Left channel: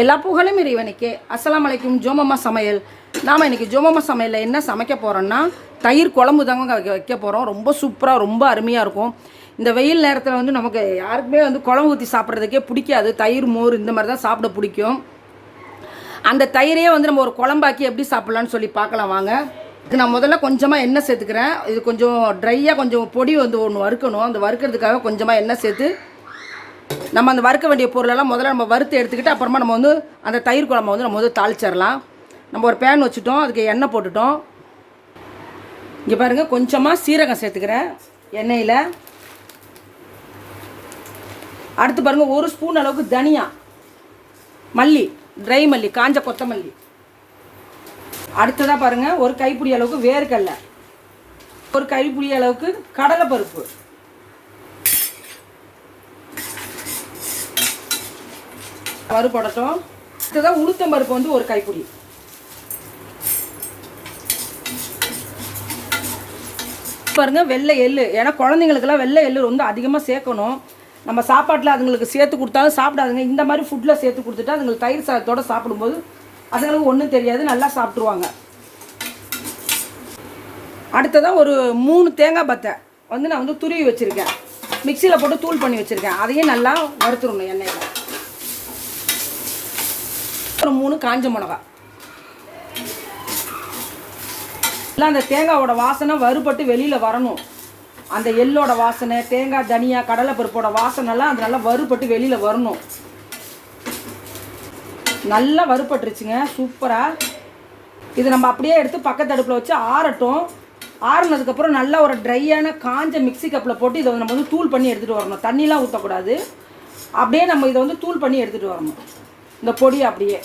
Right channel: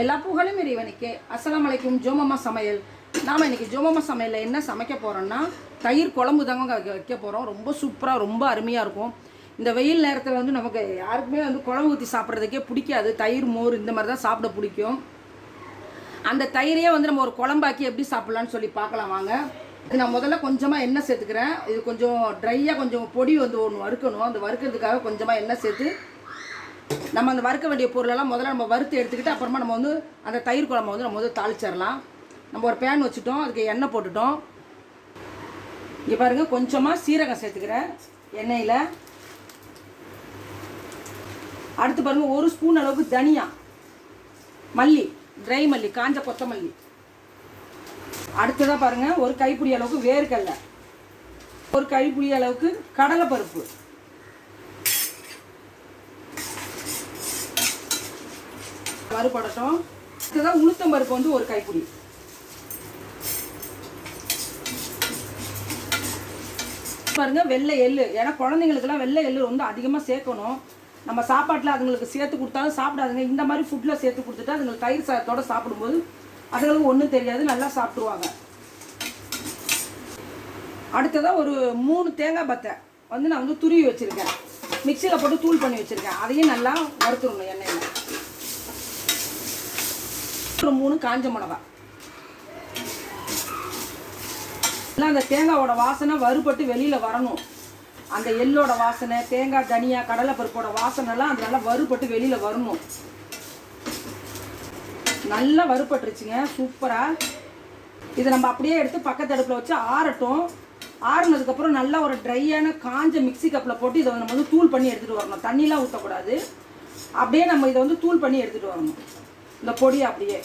எல்லா புகழும் இறைவனுக்கே. அஸ்லாம் அலைக்கும். ஜோமம்மா சமையல். நாம் இன்றைக்கி ஜோமம்மா சமையலில் என்ன சமைக்க போகிறோன்னா தயிர் குழம்பு தாங்க வைக்க வைக்க போகிறோம் ரொம்ப சூப்பராக ரொம்ப அருமையாக இருக்கும். இந்த வெயில் நேரத்தில் வந்து நமக்கு யாருக்குமே வந்து குழம்பு ஊற்றி சாப்பிட்றதுக்கே பிடிக்காது. தயிர் மோர் இந்த மாதிரி தான் சாப்பிட பிடிக்கும். அந்த தயிரையே வந்து நம்ம ஒரு குழம்பாக்கி எப்படி சாப்பிட்லான்னு சொல்லி பார்க்கலாம் வாங்க. இது நான் முதல்ல கொஞ்சமாக எண்ணெய் சேர்த்துக்கிறேன். இது கொஞ்சம் ட்ரையாக கொஞ்சம் பொடி வந்து ஒன்று வறுக்கணும். அந்த வறுக்கிறதுக்காக கொஞ்சமாக எண்ணெய் சேர்த்து நம்ம அந்த வறுக்க வேண்டிய பொருளெல்லாம் முதல்ல நம்ம வறுத்து எடுத்துக்கிட்டு அப்புறமா நம்ம வந்து அந்த தயிர் குழம்பு வந்து நம்ம வந்து தாளிச்சிடலாம். நம்ம ஒரு பேன் வச்சுட்டோம் அதுக்கு எண்ணெய் போட்டுட்டோம். இங்கே பாருங்கள் கொஞ்சமாக சீரகம் சேர்த்துக்கிறேன் எண்ணெயில். அடுத்து பாருங்கள் ஒரு ஸ்பூன் அளவுக்கு தனியா மல்லி ட்ரை மல்லி காஞ்ச கொத்தமல்லி. அடுத்ததாக பாருங்கள் ஒரு கைப்பிடி அளவுக்கு வேர்க்கடலை. ஒரு கைப்பிடி அளவுக்கு கடலைப்பருப்பு. வறுபடட்டும் இதுதான் உளுத்தம் பருப்பு வந்து ஒரு கைப்பிடி. பாருங்க வெள்ளை எள்ளு. ஏன்னா குழந்தைங்களுக்குலாம் வெள்ளை எள்ளு ரொம்ப அதிகமாக சேர்க்கணும். நம்ம சாப்பாட்டில் அதுங்களுக்கு சேர்த்து கொடுத்தாலும் சாப்பிடாதுங்க. இந்த மாதிரி ஃபுட்டில் சேர்த்து கொடுத்துட்டா அதுங்களுக்கு தயிர் சாதத்தோடு சாப்பிடும்போது அதுங்களுக்கு ஒன்றும் தெரியாது. நல்லா சாப்பிட்ருவாங்க அடுத்ததாக ஒரு மூணு தேங்காய் பத்தை வந்து நான் வந்து துருவி வச்சுருக்கேன். மிக்சியில் போட்டு தூள் பண்ணி வச்சுருக்கேன். அதையும் நல்லா வறுத்துடணும் எண்ணெயில். ஒரு மூணு காஞ்ச மிளகா. எல்லாம் அந்த தேங்காவோட வாசனை வறுபட்டு வெளியில் வரணும். அந்த எள்ளோட வாசனை தேங்காய் தனியா கடலைப்பருப்போட வாசனைலாம் அது நல்லா வறுபட்டு வெளியில் வரணும். நல்லா வறுபட்டுருச்சுங்க சூப்பராக இது நம்ம அப்படியே எடுத்து பக்கத்து அடுப்பில் வச்சு ஆறட்டும். ஆறுனதுக்கப்புறம் நல்லா ஒரு ட்ரையான காஞ்ச மிக்ஸி கப்பில் போட்டு இதை நம்ம வந்து தூள் பண்ணி எடுத்துகிட்டு வரணும். தண்ணிலாம் ஊற்றக்கூடாது அப்படியே நம்ம இதை வந்து தூள் பண்ணி எடுத்துகிட்டு வரணும். இந்த பொடியை அப்படியே.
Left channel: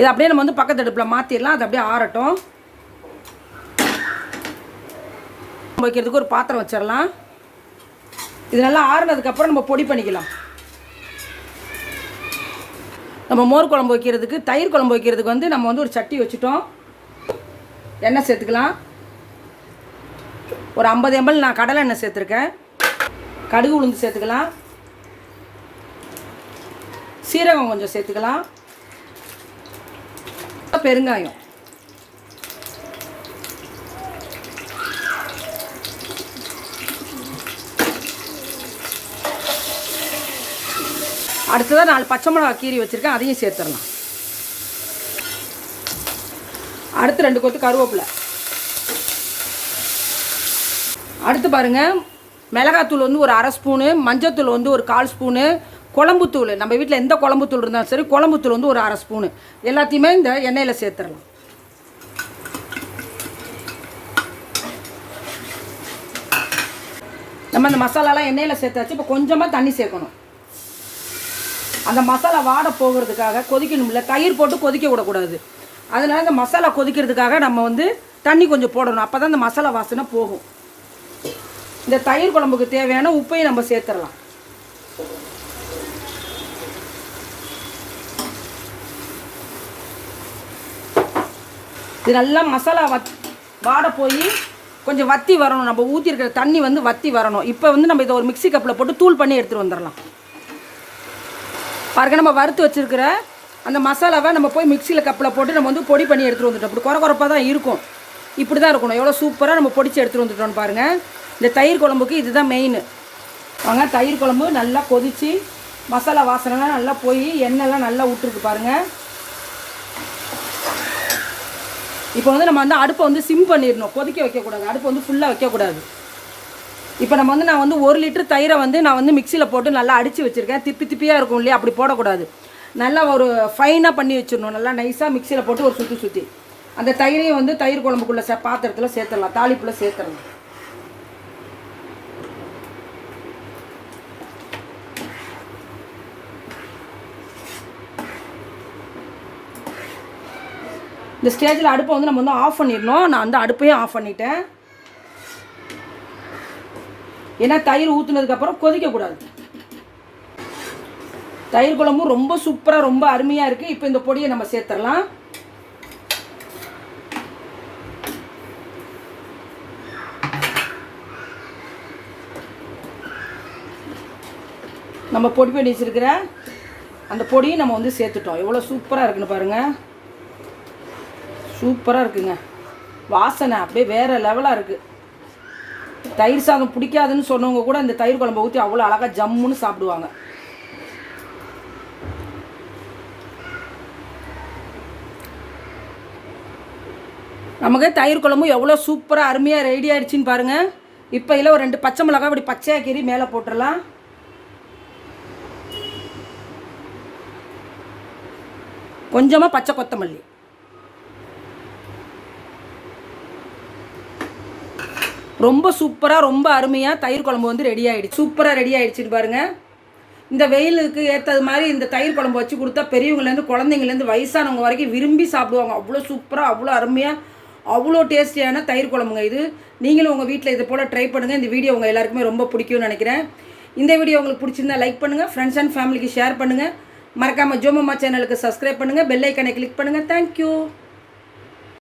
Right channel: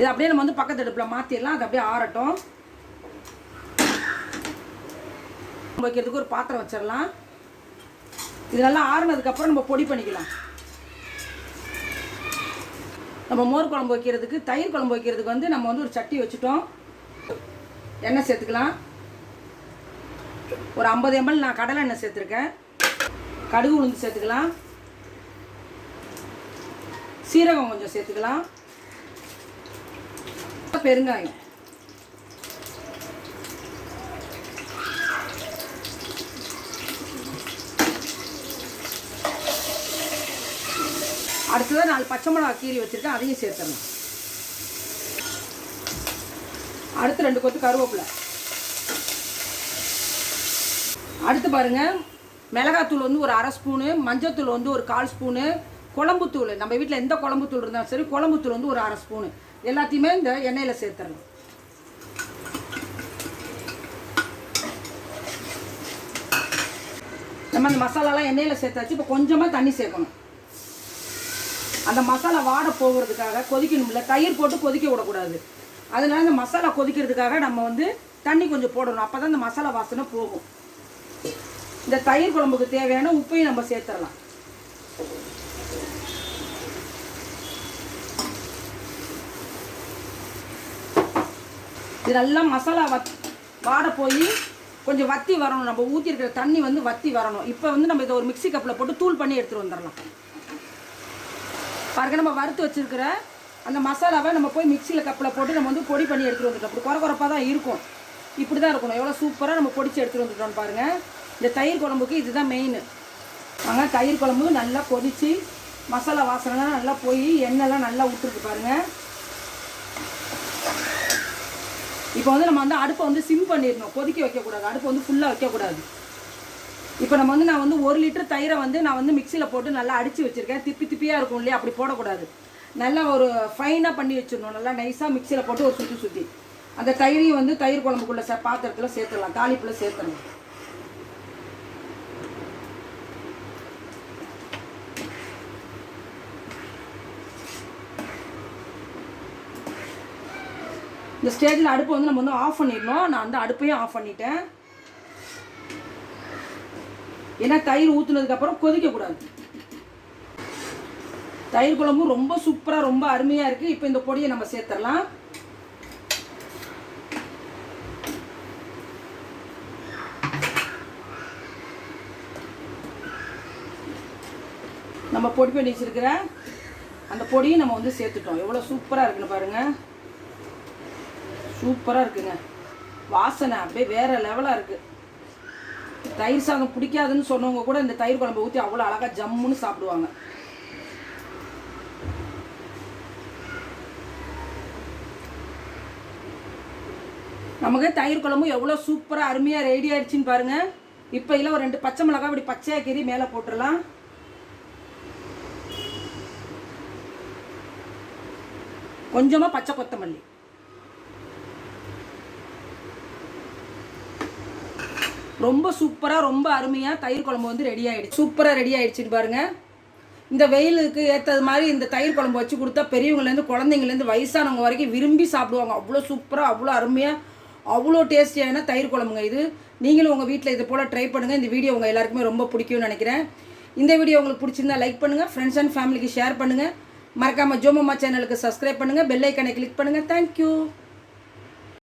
இது அப்படியே நம்ம வந்து பக்கத்து அடுப்பில் மாற்றிடலாம் அது அப்படியே ஆறட்டும். வைக்கிறதுக்கு ஒரு பாத்திரம் வச்சிடலாம். இது நல்லா ஆறுனதுக்கப்புறம் நம்ம பொடி பண்ணிக்கலாம். நம்ம மோர் குழம்பு வைக்கிறதுக்கு தயிர் குழம்பு வைக்கிறதுக்கு வந்து நம்ம வந்து ஒரு சட்டி வச்சுட்டோம். எண்ணெய் சேர்த்துக்கலாம். ஒரு ஐம்பது எம்எல் நான் கடலை எண்ணெய் சேர்த்துருக்கேன். கடுகு உளுந்து சேர்த்துக்கலாம். சீரகம் கொஞ்சம் சேர்த்துக்கலாம். பெருங்காயம். அடுத்ததாக நாலு பச்சை மிளகா கீரி வச்சுருக்கேன் அதையும் சேர்த்துடலாம். அடுத்து ரெண்டு கொத்து கருவேப்பிலை. அடுத்து பாருங்கள் மிளகாத்தூள் வந்து ஒரு அரை ஸ்பூனு மஞ்சத்தூள் வந்து ஒரு கால் ஸ்பூனு குழம்புத்தூள் நம்ம வீட்டில் எந்த குழம்புத்தூள் இருந்தாலும் சரி குழம்புத்தூள் வந்து ஒரு அரை ஸ்பூனு. எல்லாத்தையுமே இந்த எண்ணெயில் சேர்த்துடலாம் நம்ம இந்த மசாலாலாம் எண்ணெயில் சேர்த்தாச்சு இப்போ கொஞ்சமாக தண்ணி சேர்க்கணும். அந்த மசாலா வாட போகிறதுக்காக கொதிக்கணும்ல தயிர் போட்டு கொதிக்க விடக்கூடாது. அதனால இந்த மசாலா கொதிக்கிறதுக்காக நம்ம வந்து தண்ணி கொஞ்சம் போடணும். அப்போ தான் இந்த மசாலா வாசனை போகும். இந்த தயிர் குழம்புக்கு தேவையான உப்பையும் நம்ம சேர்த்துடலாம் இது நல்லா மசாலா வத் வாட போய் கொஞ்சம் வத்தி வரணும். நம்ம ஊற்றிருக்கிற தண்ணி வந்து வத்தி வரணும். இப்போ வந்து நம்ம இதை ஒரு மிக்ஸி கப்பில் போட்டு தூள் பண்ணி எடுத்துகிட்டு வந்துடலாம் பாருங்க நம்ம வறுத்து வச்சிருக்கிற அந்த மசாலாவை நம்ம போய் மிக்சியில் கப்பில் போட்டு நம்ம வந்து பொடி பண்ணி எடுத்துகிட்டு வந்துட்டோம். அப்படி குறை குறைப்பாக தான் இருக்கும். இப்படி தான் இருக்கணும். எவ்வளோ சூப்பராக நம்ம பொடிச்சு எடுத்துகிட்டு வந்துட்டோம்னு பாருங்கள் இந்த தயிர் குழம்புக்கு இதுதான் மெயின் வாங்க தயிர் குழம்பு நல்லா கொதித்து மசாலா வாசனைலாம் நல்லா போய் எண்ணெய்லாம் நல்லா விட்டுருக்கு பாருங்கள் இப்போ வந்து நம்ம வந்து அடுப்பை வந்து சிம் பண்ணிடணும். கொதிக்க வைக்கக்கூடாது. அடுப்பை வந்து ஃபுல்லாக வைக்கக்கூடாது. இப்போ நம்ம வந்து நான் வந்து ஒரு லிட்டர் தயிரை வந்து நான் வந்து மிக்சியில் போட்டு நல்லா அடித்து வச்சுருக்கேன். திப்பி திப்பியாக இருக்கும் இல்லையா? அப்படி போடக்கூடாது. நல்லா ஒரு ஃபைனாக பண்ணி வச்சிடணும். நல்லா நைஸாக மிக்சியில் போட்டு ஒரு சுற்றி சுற்றி அந்த தயிரையும் வந்து தயிர் குழம்புக்குள்ளே சே பாத்திரத்தில் சேர்த்துடலாம். தாளிப்புல சேர்த்துடலாம். இந்த ஸ்டேஜில் அடுப்பை வந்து நம்ம வந்து ஆஃப் பண்ணிடணும். நான் வந்து அடுப்பையும் ஆஃப் பண்ணிட்டேன். ஏன்னா தயிர் ஊற்றுனதுக்கப்புறம் கொதிக்கக்கூடாது தயிர் குழம்பும் ரொம்ப சூப்பராக ரொம்ப அருமையாக இருக்குது இப்போ இந்த பொடியை நம்ம சேர்த்துடலாம். நம்ம பொடி பண்ணி வச்சுருக்கிற அந்த பொடியும் நம்ம வந்து சேர்த்துட்டோம். எவ்வளோ சூப்பராக இருக்குன்னு பாருங்கள் சூப்பராக இருக்குங்க. வாசனை அப்படியே வேறு லெவலாக இருக்குது தயிர் சாதம் பிடிக்காதுன்னு சொன்னவங்க கூட இந்த தயிர் குழம்பு ஊற்றி அவ்வளோ அழகாக ஜம்முன்னு சாப்பிடுவாங்க. நமக்கு தயிர் குழம்பும் எவ்வளோ சூப்பராக அருமையாக ரெடி ஆகிடுச்சின்னு பாருங்கள் இப்போ இல்லை ஒரு ரெண்டு பச்சை மிளகாய் இப்படி பச்சையாக கீறி மேலே போட்டுடலாம். கொஞ்சமாக பச்சை கொத்தமல்லி. ரொம்ப சூப்பராக ரொம்ப அருமையாக தயிர் குழம்பு வந்து ரெடி ஆகிடுச்சு சூப்பராக ரெடி ஆகிடுச்சின்னு பாருங்கள் இந்த வெயிலுக்கு ஏற்றது மாதிரி இந்த தயிர் குழம்பு வச்சு கொடுத்தா பெரியவங்கலேருந்து குழந்தைங்கலேருந்து வயசானவங்க வரைக்கும் விரும்பி சாப்பிடுவாங்க. அவ்வளோ சூப்பராக அவ்வளோ அருமையாக அவ்வளோ டேஸ்டியான தயிர் குழம்புங்க இது. நீங்களும் உங்கள் வீட்டில் இது போல் ட்ரை பண்ணுங்கள் இந்த வீடியோ உங்கள் எல்லாருக்குமே ரொம்ப பிடிக்கும்னு நினைக்கிறேன். இந்த வீடியோ உங்களுக்கு பிடிச்சிருந்தா லைக் பண்ணுங்கள் ஃப்ரெண்ட்ஸ் அண்ட் ஃபேமிலிக்கு ஷேர் பண்ணுங்கள் மறக்காமல் ஜோமம்மா சேனலுக்கு சப்ஸ்கிரைப் பண்ணுங்கள் பெல்லைக்கனை கிளிக் பண்ணுங்கள் தேங்க்யூ